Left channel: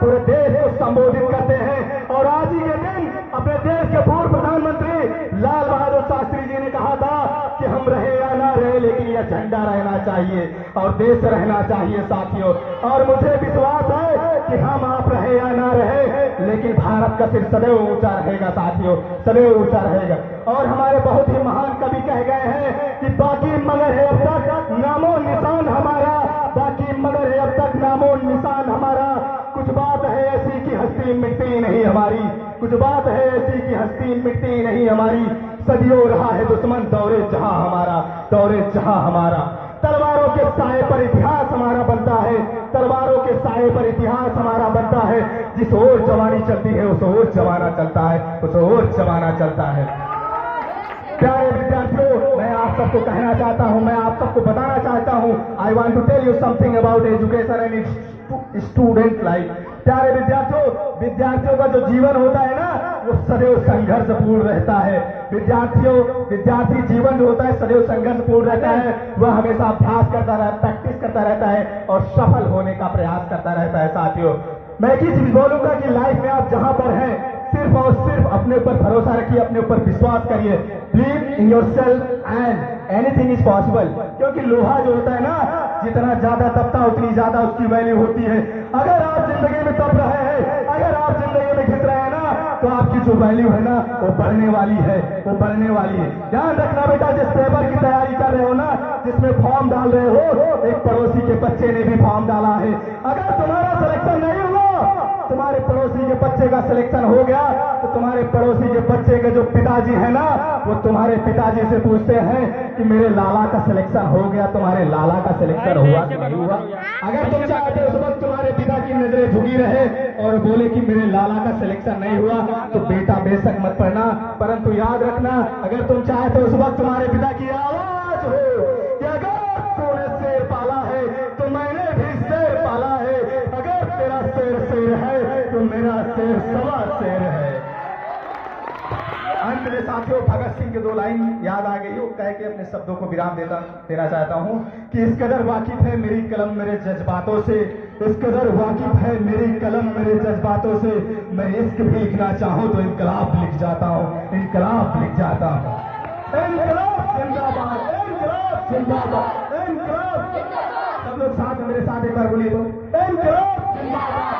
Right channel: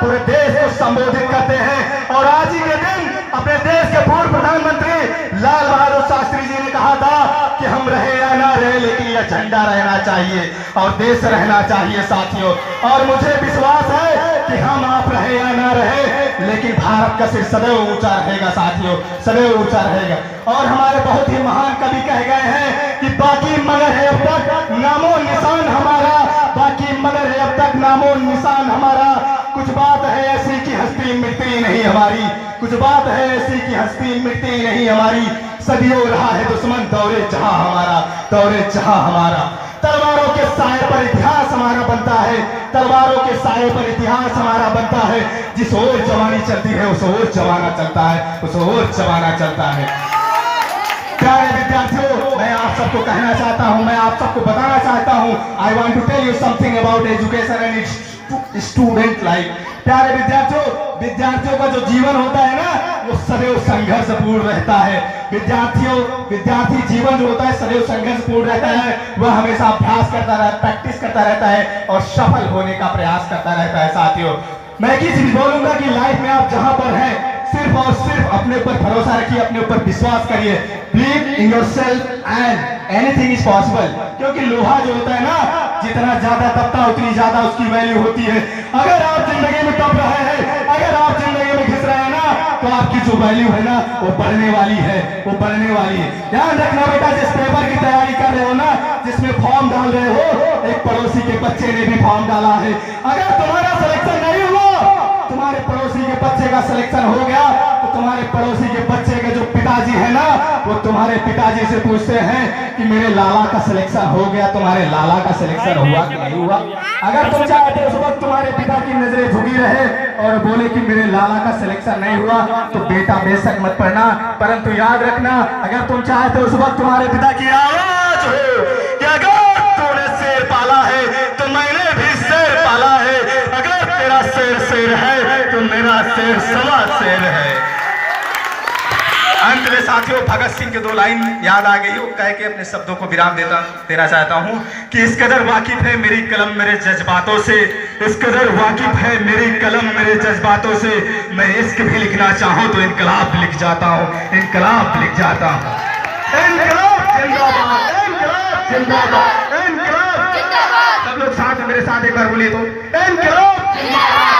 पूरे देश को संबोधित करते हैं। और आज ही के दिन अपने देश के पूर्व प्रधानमंत्री लाल बहादुर शास्त्री जी ने कहा था कि हम रहे या ना रहे, लेकिन यह झंडा रहना चाहिए और देश रहना चाहिए साथियों। और मुझे विश्वास है कि हम आप रहे या ना रहे, लेकिन भारत का सिर सदैव ऊंचा रहेगा साथियों, सदैव ऊंचा रहेगा। और हमारे बहुत ही महान कवि कह गए हैं कि बाकी मगर है अब तक नामो निशान हमारा, बाकी मगर है अब तक नामो निशान हमारा। कुछ बात है ऐसी कि हस्ती मिटती नहीं हमारी, कुछ बात है ऐसी कि हस्ती मिटती नहीं हमारी। सदियों रहा है दुश्मन दौरे जहां हमारा, दौरे जहां हमारा। तलवारों के साए पर इतिहास हमारा बनता है, तलवारों के साए पर इतिहास हमारा बनता है। जिस ओर जवानी चलती है उस ओर जमाना चलता है, उस ओर जमाना चलता है। प्यारे विद्यार्थियों, मैं आप सबको कहना चाहता हूं, मैं आप सबको बताना चाहता हूं, I want to tell you something about education and its student life. प्यारे विद्यार्थियों, विद्यार्थियों का जो जीवन होता है ना, वो सदैव संघर्षपूर्ण रहता है। विद्यार्थी जीवन जो होता है सदैव संघर्षपूर्ण रहता है। वह हमेशा अभ्यास करता रहता है, प्रैक्टिस करता रहता है और सफल होने का प्रयास करता रहता है साथियों। मैं एक ही चीज बोलूंगा कि लाइफ में आप जहां पर हैं सिर्फ और सिर्फ अपने ऊपर भरोसा रखिए, अपने ऊपर विश्वास करिए। Believe in yourself and anything is possible. क्योंकि लोहा जो होता है ना, जितना ज्यादा तपता उतनी ज्यादा उसकी वैल्यू होती है। अगर आप जिंदगी में तप रहे हैं, अगर आप जिंदगी में घिस रहे हैं ना, तो आपकी जो वैल्यू है ना वो बढ़ने वाली है, वो बढ़ने वाली है। ध्यान रखना बेटा, जिस पेपर की तैयारी कर रहे हो ना, जिसमें फॉर्म डाल रहे हो, एक पड़ोसी के बच्चे ने भी फॉर्म डाला है। अगर तुम्हारा सिलेक्शन नहीं हुआ, तुम्हारे पड़ोसी के बच्चे का सिलेक्शन हो गया, तो तुम्हारे पड़ोसी के बच्चे के जो पिताजी है ना, वो तुम्हारे पिताजी से पूछते हैं कि मेरे लाला का सिलेक्शन हो गया, तुम्हारे लाला का सिलेक्शन हुआ कि नहीं हुआ। अगर तुम चाहते उस वक्त तुम्हारे पिता की नजरें झुकी रहे और बोले कि मेरे लाला का सिलेक्शन नहीं हुआ, तो बेटा बेशक मत पढ़ना, परंतु याद रखना, अगर तुम चाहते उस वक्त तुम्हारे पिता की आवाज हो कि अगर तूने शेर पाला है तो मैंने भी शेर पाला है, अगर तेरा शेर शेर है तो मेरा शेर सवा शेर है। अंत में साथियों भगत सिंह के दो लाइन याद आ गई, वो कह के अपने शब्दों को विराम देना चाहता हूं कि इस कदर वाकिफ है मेरी कलम मेरे जज्बातों से, इस कदर वाकिफ है मेरी कलम मेरे जज्बातों से, मैं इश्क भी लिखना चाहूं तो इनकलाब लिख जाता हूं, इनकलाब लिख जाता हूं। इनकलाब जिंदाबाद, इनकलाब जिंदाबाद, इनकलाब जिंदाबाद। सब लोग साथ मेरे साथ एक बार बोलिए तो, इनकलाब जिंदाबाद।